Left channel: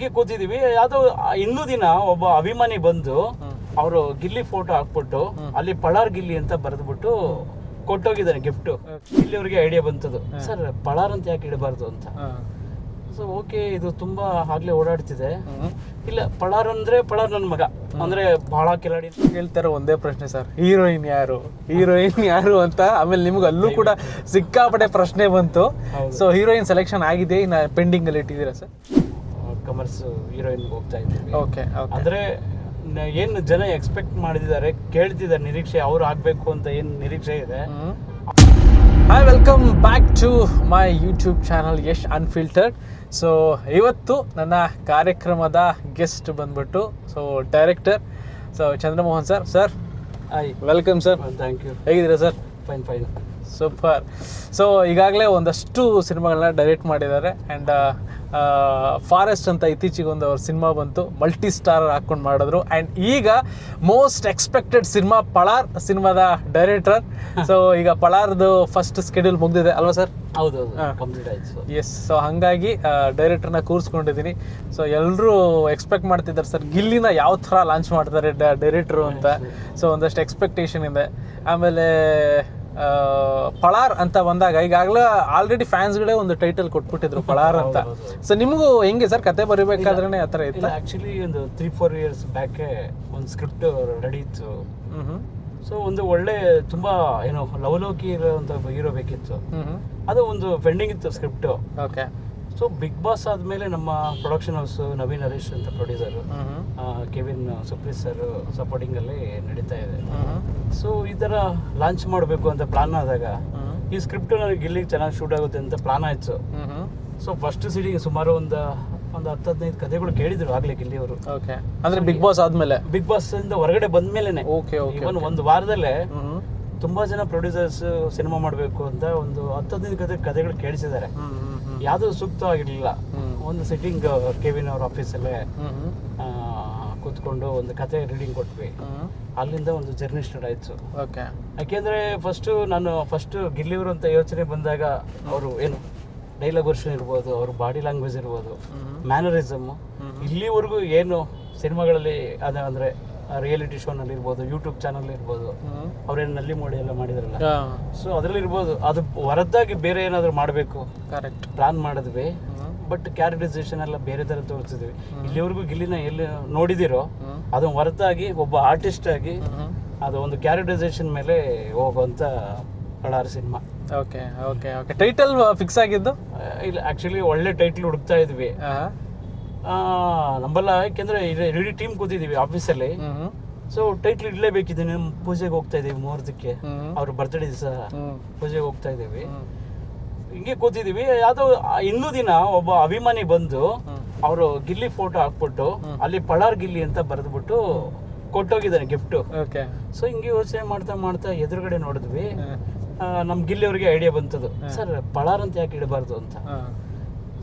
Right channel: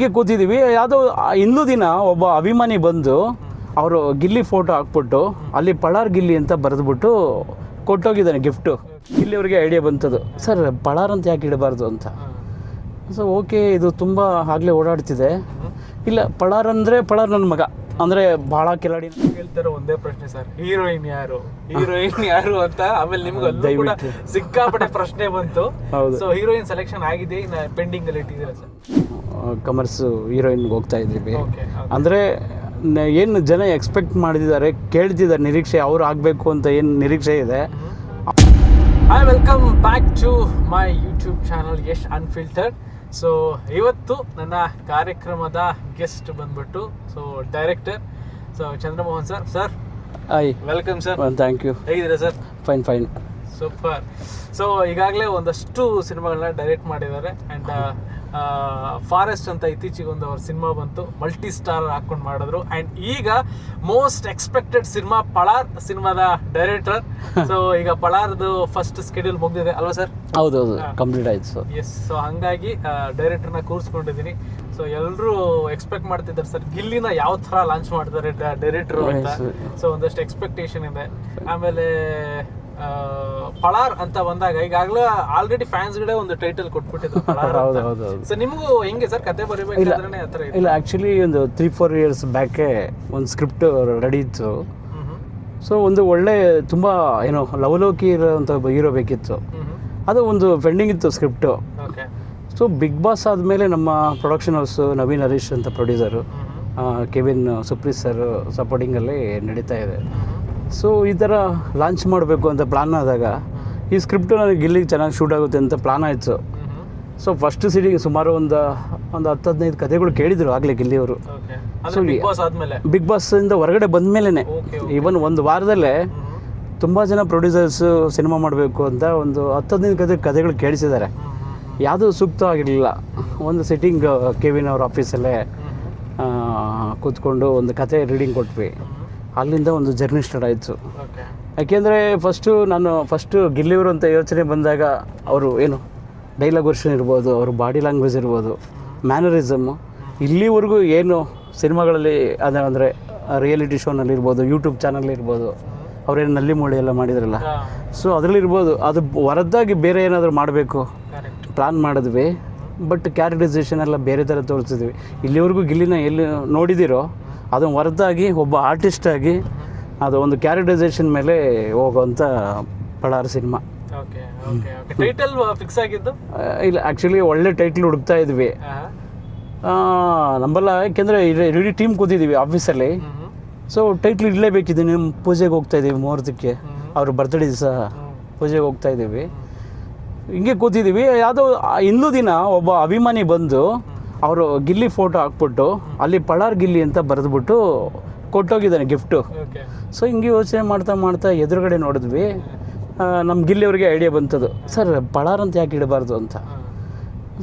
ಹಿಂಗೆ ಕೂತಿದ್ದೀವಿ. ಯಾವುದೋ ಇನ್ನೂ ದಿನ ಒಬ್ಬ ಅಭಿಮಾನಿ ಬಂದು ಅವರು ಗಿಲ್ಲಿ ಫೋಟೋ ಹಾಕ್ಬಿಟ್ಟು ಅಲ್ಲಿ ಪಳಾರ್ ಗಿಲ್ಲಿ ಅಂತ ಬರೆದ್ಬಿಟ್ಟು ಕೊಟ್ಟೋಗಿದ್ದಾನೆ ಗಿಫ್ಟು. ಗಿಲ್ಲಿ ಅವ್ರಿಗೆ ಐಡಿಯಾ ಬಂತದ್ದು, ಸರ್ ಪಳಾರ್ ಅಂತ ಯಾಕೆ ಇಡಬಾರ್ದು ಅಂತ. ಸೊ ಓಕೆ, ಇದು ತುಂಬ ಆಗಲೇ ಓಡಾಡ್ತಿದೆ. ಇಲ್ಲ, ಪಳಾರ್ ಅಂದರೆ ಪಳಾರ್ ನನ್ನ ಮಗ ಅಂದರೆ ಭಾಳ ಕಿಲಾಡಿ. ಹೇಳ್ತಾರೆ ಒಂದೇ ಪ್ರಶ್ನೆ ಸರ್, ಹೀರೋಯಿನ್ ಯಾರು ಅಂತ. ಆಮೇಲೆ ನಿಮ್ಗೆ ಅಲ್ಲೂ ಕೂಡ ಸಿಕ್ಕಾಪಟ್ಟೆ ಪ್ರಶ್ನೆ ಬಂತು. ಸೊ ಹೀರೋಯಿನ್ ಸೆಲೆಕ್ಷನ್ ಆಗಿದೆ, ಇನ್ನು ಪೆಂಡಿಂಗ್ ಅಲ್ಲಿ ಇಟ್ಟಿದ್ದೀರಾ ಸರ್? ಕಮರ್ಸ್ ಹೀರೋಯಿನ್ಗೆ ಹೋಗ್ತಾ ಇದ್ದೀವಿ. ಅಂದರೆ ಏನು ಜನ ಎಕ್ಸ್ಪೆಕ್ಟ್ ಮಾಡಿದ್ದಾರೆ, ಕೇಳ್ತಿದ್ದಾರೆ, ನಿರೀಕ್ಷೆ ಅವ್ರು ಆಗಬೇಕು ಅಂತ ಏನು ನಿರೀಕ್ಷೆ ಇದೆ. Hi, welcome back to my YouTube channel Yash unfiltered. So ಇವತ್ತು ನನ್ನ ಕಾರ್ಯಕ್ರಮದ ಗೆಸ್ಟ್ ಬಂದ್ಬಿಟ್ಟು director Chandramohan sir. Hi, welcome sir. Thank you. ಹೇಗಿದ್ದೀರಾ ಸರ್? ಫೈನ್. ಸೂಪರ್. ಸೊ ಈಗಾಗಲೇ ಒಂದಷ್ಟು ಸಿನಿಮಾಗಳನ್ನ ಡೈರೆಕ್ಟ್ ಮಾಡಿದ್ದಾರೆ. ಆ್ಯಂಡ್ ಫಾರೆಸ್ಟ್ ಅಂತ ಇತ್ತೀಚೆಗೆ ಒಂದು ಅವ್ರ ಸಿನಿಮಾ ಬಂತು, ಮಲ್ಟಿ ಸ್ಟಾರ್ ಹಾಕೊಂಡು ಮಾಡಿದ್ರು. ಆ್ಯಂಡ್ ಈಗ ಮೋಸ್ಟ್ ಎಕ್ಸ್ಪೆಕ್ಟೆಡ್ ಸಿನಿಮಾ ಪಳಾರ್ ಸಿನಿಮಾದ ಡೈರೆಕ್ಟರ್. ಸೊ ಈಗ ಪಳಾರ್ದು ಫಸ್ಟ್ ಸ್ಕೆಡ್ಯೂಲ್ ಮುಗ್ದಿದೆ ಅಲ್ವಾ ಸರ್? ಹೌದು, ಕಂಪ್ಲೀಟ್ ಆಯ್ತು ಸರ್. ಎಸ್. ಸೊ ಹಾಗಾಗಿ ಡೈರೆಕ್ಟರ್ನ ಕೂರಿಸ್ಕೊಂಡಿದ್ದೀನಿ. ಸೊ ಎಲ್ಲರೂ ಎಕ್ಸ್ಪೆಕ್ಟ್ ಮಾಡ್ತಿದ್ದಾರೆ ಸರ್, ಗಿಲ್ಲಿನ ಯಾವ ಥರ ಲಾಂಚ್ ಮಾಡ್ತಾರೆ ಡೈರೆಕ್ಟ್ರು ಅಂತ. ಸೊ ಒಂದಷ್ಟು ಎಕ್ಸ್ಪೆಕ್ಟೇಷನ್ ಇದೆ. ಆಮೇಲೆ ಪಳಾರ್ ಅಂತ ಬಂದಾಗ ಈಗಾಗಲೇ ಆಲ್ರೆಡಿ ಫ್ಯಾನ್ಸ್ಗಳೇ ಒಂದು ಟೈಟಲ್ ಕೊಟ್ಬಿಟ್ಟಿದ್ರು ಪಳಾರ್ ಅಂತ. ಸೊ ನಿಮಗೂ ಹೆಂಗೆ ಸರ್ ಕತೆ ಬರೀಬೇಕಾದ್ರೆ ಆ ಥರ? ಇಲ್ಲ, ಆ್ಯಕ್ಚುಲಿ ಒಂದು 3-4 ಇಯರ್ಸ್ ಬ್ಯಾಕೆ ಒಂದು ಸ್ಕ್ರಿಪ್ಟ್ ರೆಡಿ ಇತ್ತು. ಸೊ ಒಂದು ಒಳ್ಳೆ ತುಂಬ ಏನೋ ಲವಲೋಕಿ ಇರೋಂಥ ಹೀರೋ ಬೇಕಿತ್ತು. ಅದು ಒಂದು ಪೆಂಡಿಂಗ್ ಇತ್ತು script. Okay. So Bigg Boss ಆದಮೇಲೆ ನಮ್ಮ ಪ್ರೊಡಕ್ಷನ್ ಹೌಸು ನವೀನ್ ಹರೀಶ್ ಅಂತ ಪ್ರೊಡ್ಯೂಸರು, ಕೆವಿನ್ ಸುಪ್ರೀತ್ ಸರ್ ಸಪೋರ್ಟಿಂಗಲ್ಲಿ ನಡೀತಾ ಇದೆ. ಸೊ ಈ ಥರ ಲಾಂಚ್ ಮಾಡಬೇಕು ಅಂತ ಪ್ಲಾನ್ ಆದಾಗ ಈ ಸ್ಕ್ರಿಪ್ಟ್ ನನಗೆ ಗಿಲ್ಲಿಗೆ ಚೆನ್ನಾಗಿ ಶೂಟ್ ಆಗುತ್ತೆ ಅಂತ ಪ್ಲಾನ್ ಆಯಿತು. ಸೊ ಫಸ್ಟ್ ಸಿಟಿಗೆ ಸುಮಾರು ಒಂದು 10-15 ಕಥೆಗಳು ಕೇಳಿದ್ರು ಆಗಲೇ ಗಿಲ್ಲಿಯವರು. ಬಿಗ್ ಬಾಸ್ ಇಂದ ಹೊರಗಡೆ ಬಂದಮೇಲೆ ಇವನ್ ಒಂದು ವಾರದಲ್ಲೇ ತುಂಬ ಜನ ಪ್ರೊಡ್ಯೂಸರ್ಸ್ ಸಿನಿಮಾ ಮಾಡಬೇಕು ಅಂತ ಒಂದು 10-15 ಕಥೆಗಳು ಕೇಳಿಸಿದ್ದಾರೆ. ಯಾವುದೂ ಸೂಕ್ತವಾಗಿರಲಿಲ್ಲ. ಒಂದು ಸಿಟ್ಟಿಂಗ್ ಕೆವಿನ್ ಅವ್ರ ಆಫೀಸಲ್ಲೇ ಕೂತ್ಕೊಂಡು ಒಂದು ಕತೆ ರೀಡಿಂಗ್ ಕೊಟ್ವಿ. ಅಲ್ಲಿಂದ ಒಂದು ಜರ್ನಿ ಸ್ಟಾರ್ಟ್ ಆಯಿತು. ಯಾಕೆಂದರೆ ಫಸ್ಟು ಗಿಲ್ಲಿಯವರು ಅಂತ ಯೋಚನೆ ಬಂದಾಗ ಅವರು ಏನು ಡೈಲಾಗ್ ವರ್ಷನ್ ಇರ್ಬೋದು, ಅವರು ಬಾಡಿ ಲ್ಯಾಂಗ್ವೇಜ್ ಇರ್ಬೋದು, ಮ್ಯಾನರಿಸಮ್ಮು, ಇಲ್ಲಿವರೆಗೂ ಏನು ಸಿನಿಮಾಗಳಲ್ಲಿ ಅಂದರೆ ರಿಯಾಲಿಟಿ ಶೋನಲ್ಲಿ ಇರ್ಬೋದು, ಯೂಟ್ಯೂಬ್ ಚಾನಲ್ ಇರ್ಬೋದು, ಅವ್ರೇನು ನಲ್ಲಿ ಮೂಳೆ ಎಲ್ಲ ಮಾಡಿದ್ರಲ್ಲ, ಸೊ ಅದರಲ್ಲಿರ್ಬೋದು. ಅದು ಹೊರತಾಗಿ ಬೇರೆ ಏನಾದರೂ ಮಾಡಬೇಕು ಪ್ಲ್ಯಾನ್ ಮಾಡಿದ್ವಿ. ಬಟ್ ಕ್ಯಾರೆಕ್ಟರೈಸೇಷನ್ ಎಲ್ಲ ಬೇರೆ ಥರ ತೋರಿಸಿದ್ವಿ. ಇಲ್ಲಿವರೆಗೂ ಗಿಲ್ಲಿನ ಎಲ್ಲಿ ನೋಡಿದಿರೋ ಅದನ್ನು ಹೊರತಾಗಿ ಒಬ್ಬ ಆರ್ಟಿಸ್ಟ್ ಆಗಿ ಅದು ಒಂದು ಕ್ಯಾರೆಕ್ಟರೈಸೇಷನ್ ಮೇಲೆ ಹೋಗುವಂಥ ಪಳಾರ್ ಸಿನಿಮಾ. ಟೈಟಲ್ ಫಿಕ್ಸ್ ಆಗಿದ್ದು? ಇಲ್ಲ, ಆ್ಯಕ್ಚುಲಿ ಒಳ್ಳೆ ಟೈಟ್ಲ್ ಹುಡುಕ್ತಾ ಇದ್ವಿ. ನಂಬಲ್ಲ, ಯಾಕೆಂದರೆ ಇಡೀ ಟೀಮ್ ಕೂತಿದ್ದೀವಿ ಆಫೀಸಲ್ಲಿ. ಸೊ ಟೈಟ್ಲ್ ಇಡಲೇಬೇಕಿದೆ. ನಿಮ್ಮ ಪೂಜೆಗೆ ಹೋಗ್ತಾ ಇದ್ದೀವಿ, ಮುಹೂರ್ತಕ್ಕೆ, ಅವ್ರ ಬರ್ತ್ಡೇ ದಿವಸ ಪೂಜೆಗೆ ಹೋಗ್ತಾ ಇದ್ದೀವಿ. ಹಿಂಗೆ ಕೂತಿದ್ದೀವಿ. ಯಾವುದೋ ಇನ್ನೂ ದಿನ ಒಬ್ಬ ಅಭಿಮಾನಿ ಬಂದು ಅವರು ಗಿಲ್ಲಿ ಫೋಟೋ ಹಾಕ್ಬಿಟ್ಟು ಅಲ್ಲಿ ಪಳಾರ್ ಗಿಲ್ಲಿ ಅಂತ ಬರೆದ್ಬಿಟ್ಟು ಕೊಟ್ಟೋಗಿದ್ದಾನೆ ಗಿಫ್ಟು. ಸೊ ಹಿಂಗೆ ಯೋಚನೆ ಮಾಡ್ತಾ ಎದುರುಗಡೆ ನೋಡಿದ್ವಿ. ನಮ್ಮ ಗಿಲ್ಲಿ ಅವ್ರಿಗೆ ಐಡಿಯಾ ಬಂತದ್ದು, ಸರ್ ಪಳಾರ್ ಅಂತ ಯಾಕೆ ಇಡಬಾರ್ದು ಅಂತ.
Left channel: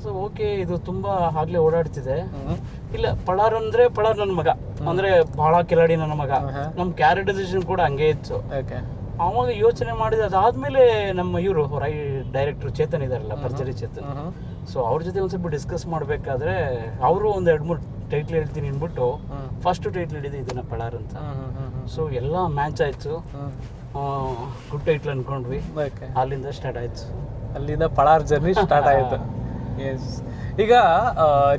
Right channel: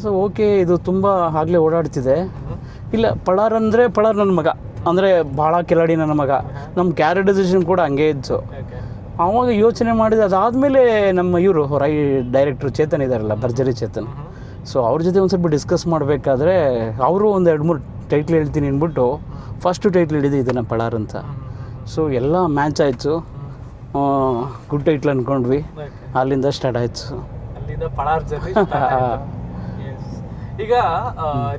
ಸೊ ಓಕೆ, ಇದು ತುಂಬ ಆಗಲೇ ಓಡಾಡ್ತಿದೆ. ಇಲ್ಲ, ಪಳಾರ್ ಅಂದರೆ ಪಳಾರ್ ನನ್ನ ಮಗ ಅಂದರೆ ಭಾಳ ಕಿಲಾಡಿ ನನ್ನ ಮಗ. ನಮ್ಮ ಕ್ಯಾರೆಕ್ಟರೈಸೇಷನ್ ಕೂಡ ಹಂಗೆ ಇತ್ತು. ಆವಾಗ ಯೋಚನೆ ಮಾಡಿದ ಅದಾದಮೇಲೆ ನಮ್ಮ ಇವರು ಡೈರೆಕ್ಟ್ರು ಚೇತನ್ ಇದ್ದಾರಲ್ಲ, ಭರ್ಜರಿ ಚೇತನ್, ಸೊ ಅವ್ರ ಜೊತೆ ಒಂದು ಸ್ವಲ್ಪ ಡಿಸ್ಕಸ್ ಮಾಡಬೇಕಾದ್ರೆ ಅವರು ಒಂದು 2-3 ಟೈಟ್ಲ್ ಹೇಳ್ತೀನಿ ಅಂದ್ಬಿಟ್ಟು ಫಸ್ಟು ಟೈಟ್ಲ್ ಹಿಡಿದು ಇದನ್ನು ಪಳಾರ್ ಅಂತ. ಸೊ ಎಲ್ಲ ಮ್ಯಾಚ್ ಆಯಿತು, ಗುಡ್ ಟೈಟ್ಲ್ ಅಂದ್ಕೊಂಡ್ವಿ. ಅಲ್ಲಿಂದ ಸ್ಟಾರ್ಟ್ ಆಯಿತು. ಅಲ್ಲಿಂದ ಪಳಾರ್ ಜರ್ನಿ ಸ್ಟಾರ್ಟ್ ಆಯಿತು. ಈಗ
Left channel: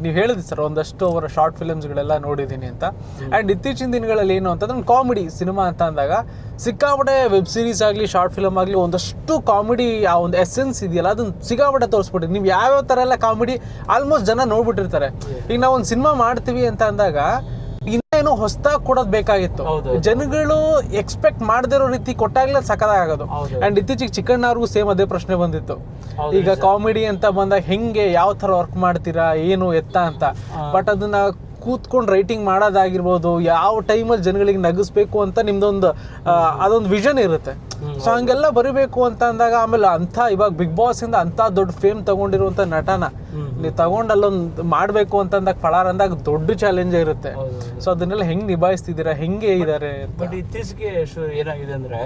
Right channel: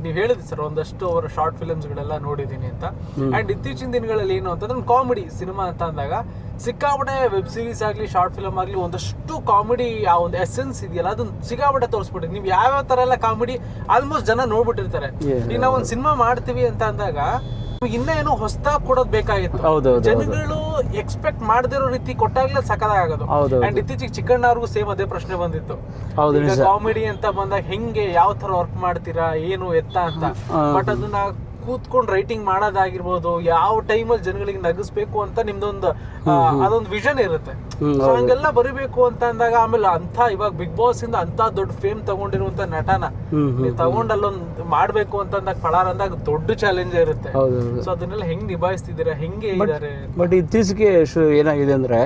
ನೀವು ಹೇಳಿದ್ರಿ ಸರ್, ಒಂದಷ್ಟು ಅವರ ಶಾರ್ಟ್ ಫಿಲ್ಮ್ಸ್ಗಳೆಲ್ಲ ನೋಡಿದ್ದೀನಿ ಅಂತ. ಆ್ಯಂಡ್ ಇತ್ತೀಚಿನ ದಿನಗಳಲ್ಲಿ ಏನು ಅಂತಂದ್ರೆ ಒಂದು ಕಾಮಿಡಿ ಸಿನಿಮಾ ಅಂತ ಅಂದಾಗ ಸಿಕ್ಕಾಪಟ್ಟೆ ವೆಬ್ ಸೀರೀಸ್ ಆಗಲಿ ಶಾರ್ಟ್ ಫಿಲಮ್ ಆಗಲಿ ಒಂದಷ್ಟು ಕಾಮಿಡಿ ಆ ಒಂದು ಎಸೆನ್ಸ್ ಇದೆಯಲ್ಲ ಅದನ್ನ ಸಿಕ್ಕಾಪಟ್ಟೆ ತೋರಿಸ್ಬಿಟ್ಟಿದೆ. ನೀವು ಯಾವ್ಯಾವ ಥರ ಎಲ್ಲ ಕಾಮಿಡಿ ಆಲ್ಮೋಸ್ಟ್ ಜನ ನೋಡ್ಬಿಟ್ಟಿರ್ತಾರೆ. ಈಗ ನಾವು ಒಂದು ಸಿನಿಮಾ ಮಾಡ್ತೀವಿ ಅಂತ ಅಂದಾಗ ಇನ್ನೇನು ಹೊಸದಾಗಿ ಕೊಡೋದು ಬೇಕಾಗಿತ್ತು. ಜನಗಳು ಎಕ್ಸ್ಪೆಕ್ಟ್ ಮಾಡದಿರೋ ರೀತಿ ಕೊಟ್ಟಾಗ್ಲೇ ಸಖತ್ತಾಗೋದು. ಅಂಡ್ ಇತ್ತೀಚೆಗೆ ಚಿಕ್ಕಣ್ಣವ್ರಿಗೂ ಸೇಮ್ ಅದೇ ಪ್ರಶ್ನೆ ಬಂದಿತ್ತು. ಈಗ ಕಾಮಿಡಿ ಅಂತ ಬಂದಾಗ ಹೆಂಗೆ ಯಾವ ತರ ವರ್ಕ್ ಮಾಡ್ತೀರಾ, ಏನು ಎತ್ತ ಅಂತ. ಬಟ್ ಅದನ್ನ ಕೂತ್ಕೊಂಡು ರೈಟಿಂಗ್ ಮಾಡೋದಾಗಿರ್ಬೋದು, ಯಾವ ಟೈಮಲ್ಲಿ ಜನಗಳಿಗೆ ನಗಿಸ್ಬೇಕು ಅಂತ ನಿಮ್ದೊಂದು ಅದೊಂದು ವಿಷನ್ ಇರುತ್ತೆ. ಸೊ ಹಂಗೆಲ್ಲ ಬರೀಬೇಕು ಅಂತ ಅಂದಾಗ ಆಮೇಲೆ ಇವಾಗ ಬಿಗ್ ಬಾಸ್ ಇಂದ ಅಂತ ದೊಡ್ಡ ಫೇಮ್ ತಗೊಂಡಿರುವಂತ ನಟನ ನೀವು ತಗೊಂಡಲ್ಲೊಂದು ಮಾಡ್ಬೇಕು ಅಂತ ಅಂದಾಗ ಪಳಾರ್ ಅಂದಾಗ ದೊಡ್ಡ ಚಾಲೆಂಜ್ ಇರುತ್ತೆ. ಸೊ ಅದನ್ನೆಲ್ಲ ಹೆಂಗ್ ನಿಭಾಯಿಸ್ತಿದ್ದೀರಾ, ಹೆಂಗೆ ಇದಾರೆ? ಬಟ್ ಇತ್ತೀಚೆಗೆ ಏನಾಗಿದೆ ಅಂದ್ರೆ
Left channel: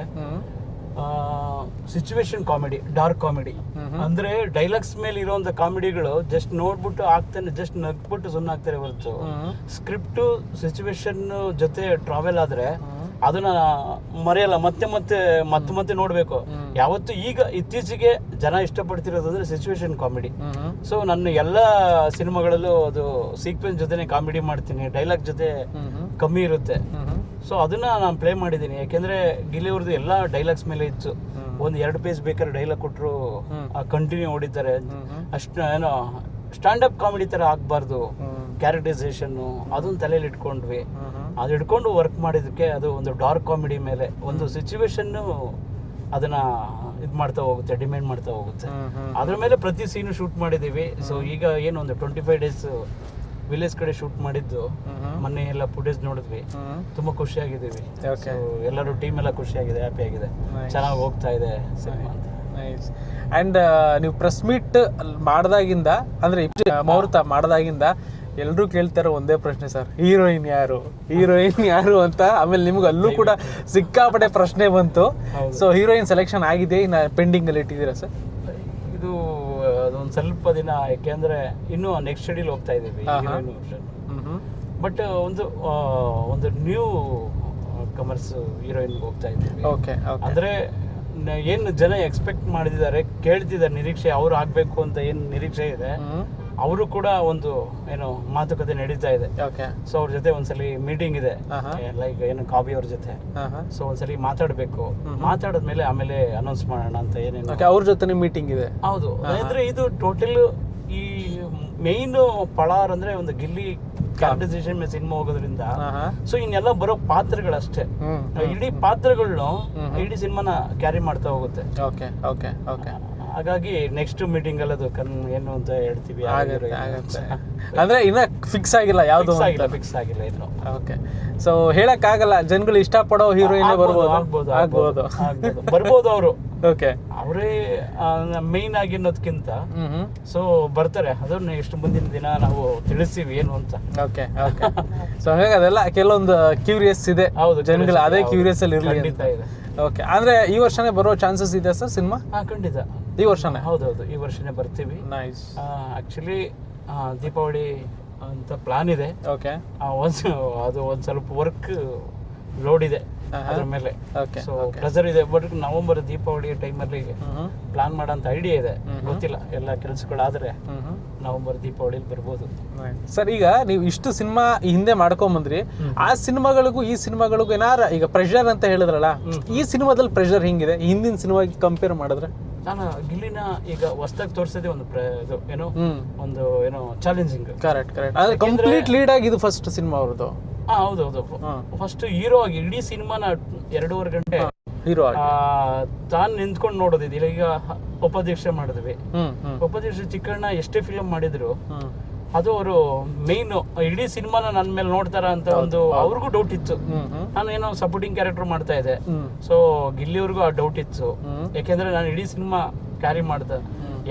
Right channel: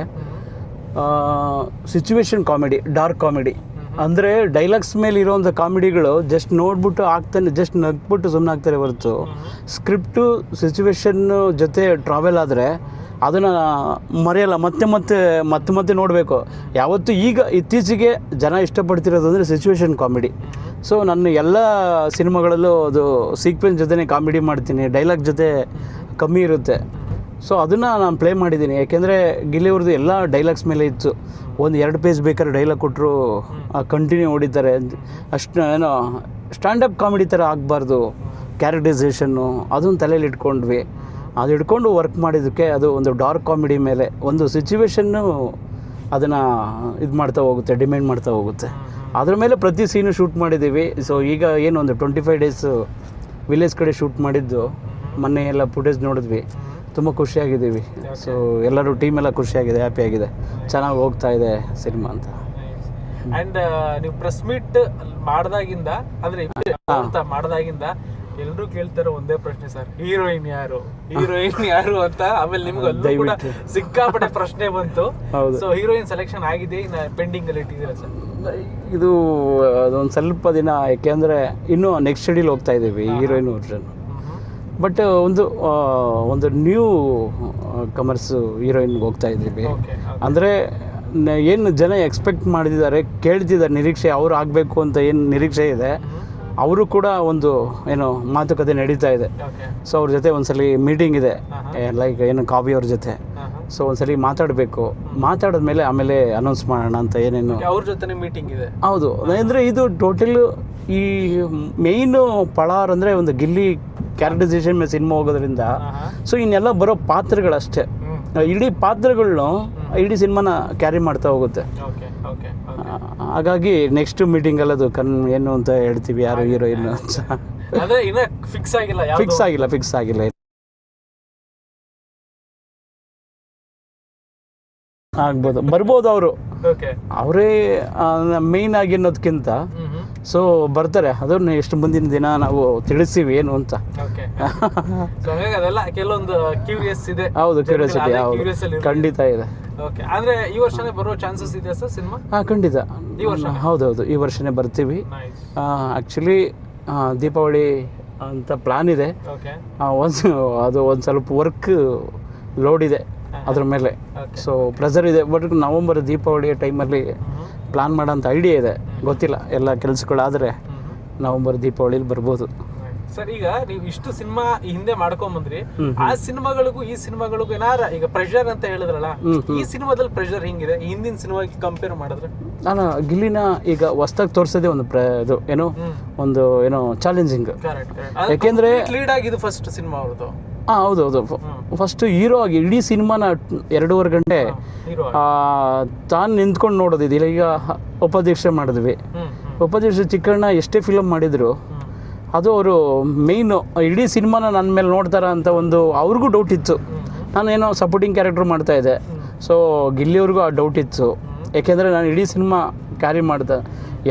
ಸಿಚುವೇಶನ್ ಕಾಮಿಡಿ, ಡಾರ್ಕ್ ಕಾಮಿಡಿ ಅಂದರೆ ಡೈಲಾಗ್ಸ್ ಮೇಲೆ ಇರೋಂಥ ಕಾಮಿಡಿಗಳು ಜಸ್ಟ್ ನೋಡ್ಬಿಟ್ಟು ಆಗ್ತಾನೆ, ಜಸ್ಟ್ ನಗ್ಬಿಟ್ಟು ಸುಮ್ಮನೆ ಆಗ್ತಾರೆ ಹೊರತು ಸ್ಕ್ರಿಪ್ಟು ಸಿಚುವೇಶನ್ ಜೊತೆ ಟ್ರಾವೆಲ್ ಆದರೆ ಅದನ್ನು ಮರೆಯಲ್ಲ, ಮತ್ತೆ ನೋಡಬೇಕು ಯಾವತ್ತು. ಈಗ ಇತ್ತೀಚೆಗೆ ಜನ ಇಷ್ಟಪಡ್ತಿರೋದು ಅಂದರೆ ಸಿಚುವೇಶನ್ ಕಾಮಿಡಿ. ಸೊ ನನ್ನ ಎಲ್ಲ ಸಿನಿಮಾಗಳಲ್ಲೂ ಅದು ಸೀಕ್ವೆನ್ಸ್ ಜೊತೆನೇ ಕಾಮಿಡಿ ಮಾಡ್ತೀನಿ, ಡೈಲಾಗ್ ಜೊತೆ ಕಮ್ಮಿ ಇರುತ್ತೆ. ಸೊ ಅದನ್ನು ನಾನು ಪ್ಲೇ ಮಾಡಿದ್ದೀನಿ. ಯಾಕೆಂದರೆ ಗಿಲ್ಲಿಯವ್ರದ್ದು ಎಲ್ಲ ಡೈಲಾಗ್ಸ್ ಮೇಲೆ ಇತ್ತು. ಒಂದು 2 ಪೇಜ್ ಬೇಕಾದ್ರೆ ಡೈಲಾಗ್ ಕೊಟ್ಟರು ಕಂಟಿನ್ಯೂ ಹೊಡಿತಾರೆ. ಅಷ್ಟು ಏನೋ ಸ್ಟ್ಯಾಂಡಪ್ ಕಾಮಿಡಿ ಥರ ಆಗಬಾರ್ದು, ಕ್ಯಾರೆಕ್ಟರೈಸೇಷನ್ನು ಅದನ್ನು ತಲೆಯಲ್ಲಿ ಇಟ್ಕೊಂಡ್ವಿ. ಅದು ಹಿಡ್ಕೊಂಡು ವರ್ಕ್ ಮಾಡಿದ್ದಕ್ಕೆ ಅದು ಒಂದು ಡಾರ್ಕ್ ಕಾಮಿಡಿ ಮೇಲೆ ಒಂದು ಸಿಚುವೇಶನ್ನು ಅದನ್ನು ಇದು ಮಾಡ್ತಾ ಹೋಗುತ್ತೆ, ಡಿಮ್ಯಾಂಡ್ ಮಾಡ್ತಾ ಹೋಗುತ್ತೆ. ಅದ್ರ ಮೇಲೆ ಪ್ರತಿ ಸೀನು ಶೂಟ್ ಮಾಡಿದ್ದೀವಿ. ಸೊ ಈಗ ಏನು ಒಂದು 25 ಡೇಸ್ ವಿಲೇಜ್ ಕಡೆ ಶೂಟ್ ಮಾಡಿದ್ದು, ಮೊನ್ನೆ ಎಲ್ಲ ಫುಟೇಜ್ ನೋಡಿದ್ವಿ, ತುಂಬ ಖುಷಿಯಾಗಿದ್ದೀವಿ. ಸೊ ಎಲ್ಲರೂ ಟೀಮ್ ಎಲ್ಲ ಖುಷಿಯಾಗಿದೆ, ಹ್ಯಾಪಿ ಆಗಿದೆ, ಚೆನ್ನಾಗಿ ಹೋಗ್ತಾ ಇದೆ ಸಿನಿಮಾ ಅಂತ. ಆ್ಯಂಡ್ ನೀವು ಪ್ರೆಸ್ ಮೀಟ್ ಮಾಡಿದಾಗಿಂದ ಅಂದರೆ ಮುಹೂರ್ತ ಮಾಡಿದಾಗಿಂದ ಎಲ್ಲರೂ ಕೇಳ್ತಾರೆ ಒಂದೇ ಪ್ರಶ್ನೆ ಸರ್, ಹೀರೋಯಿನ್ ಯಾರು ಅಂತ. ಆಮೇಲೆ ನಿಮ್ಗೆ ಅಲ್ಲೂ ಕೂಡ ಸಿಕ್ಕಾಪಟ್ಟೆ ಪ್ರಶ್ನೆ ಬಂತು. ಸೊ ಹೀರೋಯಿನ್ ಸೆಲೆಕ್ಷನ್ ಆಗಿದೆ, ಇನ್ನು ಪೆಂಡಿಂಗ್ ಅಲ್ಲಿ ಇಟ್ಟಿದ್ದೀರಾ ಸರ್? ಇದು ಅದೊಂದು ಸ್ವಲ್ಪ ದಿನ, ಯಾಕೆಂದರೆ ಇನ್ನೂ ನೆಕ್ಸ್ಟ್ ಶೆಡ್ಯೂಲ್ ಹೋಗ್ತಾ ಇದ್ದೀವಿ ಹೀರೋಯಿನ್ ವರ್ಷನ್. ಬಟ್ ಒಂದು ನ್ಯೂ ಕಮರ್ಸ್ ಹೀರೋಯಿನ್ಗೆ ಹೋಗ್ತಾ ಇದ್ದೀವಿ. ಅಂದರೆ ಏನು ಜನ ಎಕ್ಸ್ಪೆಕ್ಟ್ ಮಾಡಿದ್ದಾರೆ, ಕೇಳ್ತಿದ್ದಾರೆ, ನಿರೀಕ್ಷೆ ಅವ್ರು ಆಗಬೇಕು ಅಂತ ಏನು ನಿರೀಕ್ಷೆ ಇದೆ, ಅವರು ಕೂಡ ಒಂದು ಏನು ಮಾತುಕತೆ ನಡೀತಾ ಇದೆ. ಸೊ ಅವ್ರ ಜೊತೆ ಒಂದ್ಸಲಿ ಮೀಟಿಂಗ್ ಇದೆ, ಲೈಕ್ ಏನು ಕಾವ್ಯ ಅವ್ರ ಜೊತೆ. ಸೊ ಒಂದ್ಸಲಿ ಮಾತಾಡಿದ್ಮೇಲೆ ಆಮೇಲೆ ಅನೌನ್ಸ್ ಮಾಡೋಣ ಅಂತ ಏನೇನು ಅವ್ರ ಜೊತೆ ಮೀಟಿಂಗ್ ಇದೆ. ಹೌದು, ಅಂದರೆ ಇದು ಟೋಟಲ್ ಈ ಮೇಯ್ನ್ ಪಳಾರ್ ಅಂದರೆ ಒಂದು ಗಿಲ್ಲಿ ಕ್ಯಾರೆಕ್ಟರೈಸೇಷನ್ ಮೇಲೆ ಸಿನಿಮಾ ಹೋಗೋದ್ರಿಂದ. ಸೊ ಇನ್ನೆಲ್ಲ ಬರೋ ಪಾತ್ರಗಳಷ್ಟೇ, ಇಡೀ ಪಾತ್ರಗಳನ್ನು ಇಡೀ ಸಿನಿಮಾನ ಕ್ಯಾರಿ ಮಾಡ್ತಾ ಹೋಗುತ್ತೆ. ಹಾಗಾಗಿ ನೆಕ್ಸ್ಟ್ ಮೀಟಿಂಗಲ್ಲಿ ಅದು ಏನು ಅಂತ ಹೇಳ್ತೀವಿ, ಯಾರು ಹೀರೋಯಿನ್ ಅಂದ್ರೆ ಇನ್ನ ಫಿಕ್ಸ್ ಆಗಿಲ್ಲ ಇನ್ನು. ಓಕೆ, ಸೊ ಹೇಳಕ್ಕಾಗಲ್ಲ, ಜನಗಳು ಇಷ್ಟಪಡೋ ಹೀರೋಯಿನ್ ಬರ್ಬೋದು ಅವರು. ಓಕೆ, ಅವರೇ ಮೇಯ್ನ್ ಆಗಿ ಅನ್ನೋದಕ್ಕಿಂತ ಸೊ ಬರ್ತಾರೆ, ಅದನ್ನ ಎಷ್ಟು ಮುಂದಿನ ದಿನ ನಾವು ತಿಳಿಸ್ತೀವಿ ಏನು ಅಂತ. ಓಕೆ, ಸೊ ಹಾಗಾಗಿ ಅದೆಲ್ಲ ಕೆಲವೊಂದು ಕ್ಯೂರಿಯಸ್ ಇದೆ. ಹೌದು, ಕ್ಯೂರಿಯಸ್ ಅಲ್ಲಿ ಖಂಡಿತ ಇದೆ. ಓಕೆ, ಅಂದ್ರೆ ಈ ವರ್ಷನೇ ಬರೋ ಚಾನ್ಸಸ್ ಇದೆ ಸರ್ ಸಿನಿಮಾ? ಖಂಡಿತ ಈ ವರ್ಷ. ಹೌದೌದು, ಈ ವರ್ಷನೇ ಬರ್ತೀವಿ. ಆ್ಯಕ್ಚುಲಿ ದೀಪಾವಳಿ ಅಂತ ಪ್ಲಾನ್ ಇದೆ. ಅದು ಒಂದು ಸ್ವಲ್ಪ ವರ್ಕ್ ಲೋಡ್ ಇದೆ ಅದ್ರ ಮೇಲೆ, ಸೊ ಪ್ರೆಸರ್ ಇದೆ. ಬಟ್ ನವಂಬರ್ ದೀಪಾವಳಿ ಟೈಮಲ್ಲಿ ಪ್ಲಾನ್ ಮಾಡೋಂಥ ಐಡಿಯಾ ಇದೆ, ಗೊತ್ತಿಲ್ಲ. ಎಲ್ಲ ಕೆಲಸಗಳಾದರೆ ನವಂಬರ್ ದೀಪಾವಳಿಲಿ ಬರ್ಬೋದು ಸರ್. ಈಗ ನೀವು ಇಷ್ಟು ಸಿನಿಮಾ ಹಿಂದೆ ಮಾಡ್ಕೊಂಬಂದ್ರಿ, ಆ ಸಿನಿಮಾಗಳಿಗೂ ಈ ಸಿನಿಮಾಗಳಿಗೂ ಏನಾರ ಈಗ ಪ್ರೆಷರ್ ಅಂತ ಹೇಳಿದ್ರಲ್ಲ, ಈ ಸಿನಿಮಾದಲ್ಲಿ ಪ್ರೆಷರ್ ಹಿಂಗಿದೆ ಹಿಂದಿನ ಸಿನಿಮಾಗೆ ಕಂಪೇರ್ ಮಾಡಿದ್ರೆ? ನಾನು ಗಿಲ್ಲಿನ ಈಗ ಹೊಸ್ದಾಗಿ ತೋರಿಸೋದೇ ಒಂದು ಇದು ಏನೋ ಚಾಲೆಂಜಿಂಗ್. ಯಾಕೆಂದ್ರೆ ಲೀಡ್ ಆಗಿ ಇದು ಫಸ್ಟ್ ಸಿನಿಮಾ ಅವ್ರದ್ದು. ಹೌದೌದು, ಫಸ್ಟ್ ಹೀರೋ ಆಗಿ ಇಡೀ ಸಿನಿಮಾನ 2.5 ಗಂಟೆ ತಾನು ನಿಂತ್ಕೊಂಡು ನೋಡೋದಿಲ್ಲ. ಈಗ ಉಪದೀಕ್ಷೆ ಮಾಡಿದ್ವಿ, ಉಪದೀಕ್ಷೆ ಚಿಕ್ಕಣ್ಣ ಎಷ್ಟೇ ಫಿಲಮ್ ಮಾಡಿದ್ರು ಅದು ಅವರು ಮೇಯ್ನು ಇಡೀ ಸಿನಿಮಾನ ನನ್ನ ಮೇಲೆ ನೋಡ್ತಾರ ಅಂತ ಒಂದು ಅವ್ರಿಗೂ ಡೌಟ್ ಇತ್ತು. ನಾನೇನೋ ಸಪೋರ್ಟಿಂಗ್ ಕ್ಯಾರೆಕ್ಟರ್ ಮಾಡ್ತಾ ಇದ್ದೆ. ಸೊ ಗಿಲ್ಲಿಯವ್ರಿಗೂ ಆ ಡೌಟ್ ಇತ್ತು, ಯಾಕೆಂದರೆ ನಾನು ಇಡೀ ಸಿನಿಮಾ ಕ್ಯಾರಿ ಮಾಡ್ದೆ.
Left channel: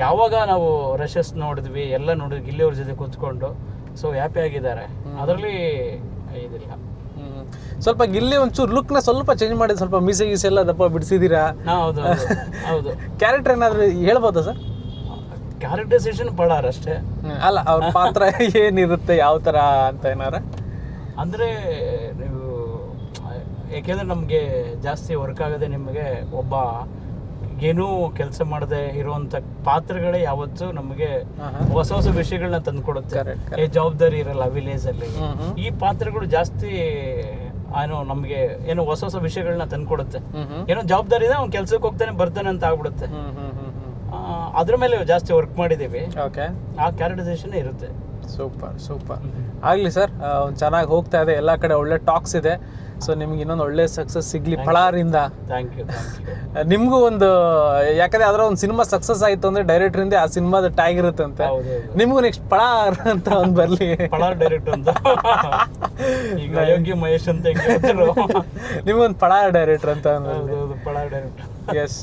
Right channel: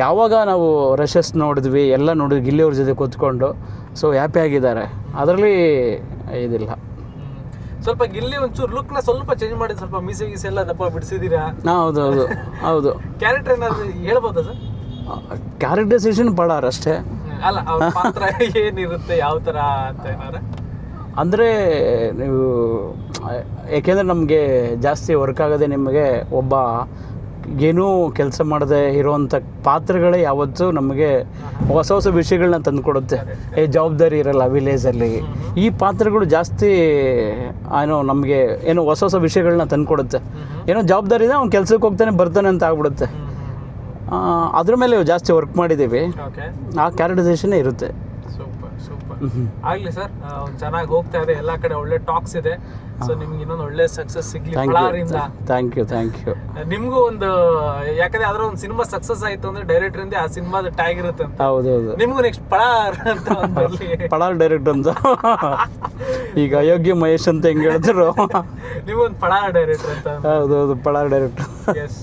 ಯಾವಾಗ ನಾವು ರಶಸ್ ನೋಡಿದ್ವಿ, ಎಲ್ಲ ನೋಡಿದ್ವಿ ಗಿಲ್ಲಿಯವ್ರ ಜೊತೆ ಕೂತ್ಕೊಂಡು, ಸೊ ಹ್ಯಾಪಿ ಆಗಿದ್ದಾರೆ, ಅದರಲ್ಲಿ ಇದಿಲ್ಲ. ಸ್ವಲ್ಪ ಗಿಲ್ಲಿ ಒಂಚೂರು ಲುಕ್ನ ಸ್ವಲ್ಪ ಚೇಂಜ್ ಮಾಡಿ, ಸ್ವಲ್ಪ ಮೀಸೆ ಗೀಸೆ ಎಲ್ಲ ದಪ್ಪ ಬಿಡಿಸಿದ್ದೀರಾ? ಹೌದು. ಕ್ಯಾರೆಕ್ಟರ್ ಏನಾದ್ರು ಹೇಳ್ಬೋದಾ ಸರ್? ಕ್ಯಾರೆಕ್ಟರೈಸೇಷನ್ ಪಳಾರ್ ಅಷ್ಟೇ ಅಲ್ಲ, ಅವ್ರ ಪಾತ್ರ ಏನಿರುತ್ತೆ, ಯಾವ ಥರ ಅಂತ ಏನಾರ ಅಂದರೆ ನೀವು, ಏಕೆಂದರೆ ನಮಗೆ ಜಾಸ್ತಿ ವರ್ಕ್ ಆಗೋದೆ ನಿಮಗೆ ಒಬ್ಬ ಏನೂ ಕೆಲಸ ಮಾಡದೆ ಇರೋವಂಥ ಪಾತ್ರಗಳೇ ಯಾವತ್ತೂ ನಮಗೆ ಹೊಸ ವಿಷಯಗಳನ್ನ ತಂದುಕೊಡುತ್ತೆ. ಜವಾಬ್ದಾರಿ ಇರಲ್ಲ ವಿಲೇಜಲ್ಲಿ, ಈ ಪಾತ್ರಗಳು ಜಾಸ್ತಿ ನಮಗೆ ಹೊಸ ವಿಷಯಗಳನ್ನ ತಂದುಕೊಡುತ್ತೆ. ಜವಾಬ್ದಾರಿ ಇದೆ, ಅವ್ನು ಕೆಲಸಕ್ಕೆ ಹೋಗ್ತಾನೆ ಬರ್ತಾನೆ ಅಂತ ಆಗ್ಬಿಡುತ್ತೆ. ಅದ್ರ ಮೇಲೆ ಜಾಸ್ತಿ ವರ್ಕ್ ಮಾಡಿದ್ದೀವಿ, ಆ ಕ್ಯಾರೆಕ್ಟರೈಸೇಷನ್ ಇರುತ್ತೆ. ಸೂಪರ್ ಆಗಲಿ ಸರ್, ಚೆನ್ನಾಗಿ ಹೋಗ್ತಾ ಇದೆ, ಎಲ್ಲ ಕಡೆ ಒಳ್ಳೆ ಟಾಕ್ಸ್ ಇದೆ. ಸೊ ನಿಮ್ಗೆ ಇನ್ನೊಂದು ಒಳ್ಳೆ ಸಕ್ಸಸ್ ಸಿಗ್ಲಿ ಪಳಾರಿಂದ. Thank you. ನಿಮ್ಗೂ ಒಂದು, ಯಾಕಂದ್ರೆ ಅದರ ಒಂದು ಸಿನಿಮಾ ಸಕ್ಸಸ್ ಆಯ್ತು ಅಂದ್ರೆ ಡೈರೆಕ್ಟರ್ ಇಂದ ಆ ಸಿನಿಮಾದ ಟ್ಯಾಗ್ ಇರುತ್ತೆ ಅಂತ. ಹೌದೌದು, ನಿಮ್ಗೂ ನೆಕ್ಸ್ಟ್ ಪಳಾರ್ ಅಂತ ಒಂದು ಬರ್ಲಿ, ಪಳಾರ್ ಡೈರೆಕ್ಟರ್ ಅಂತ. ಈಗ ಅಯೋಗ್ಯ ಮಹೇಶ್ ಅಂತ ಹೆಂಗ್ ಹೇಳ್ತಿರೋ, ನಿಮ್ಗೊಂದು ಪಳಾರ್ ಡೈರೆಕ್ಟರ್ ಅಂತ. ಹೌದೌದು, ಪಳಾರ್ ಡೈರೆಕ್ಟರ್. ಎಸ್.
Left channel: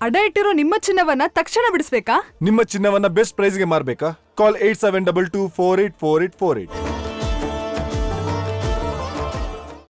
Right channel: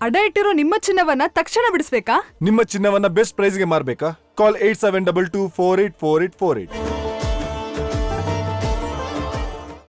ಅಡ ಇಟ್ಟಿರೋ ನಿಮ್ಮ ಚಿನ್ನವನ್ನ ತಕ್ಷಣ ಬಿಡಿಸ್ಬೇಕಾ? ನಿಮ್ಮ ಚಿನ್ನವನ್ನ ಬೆಸ್ಟ್ ಪ್ರೈಸ್ಗೆ ಮಾರ್ಬೇಕಾ? ಕಾಲ್ 8722484848.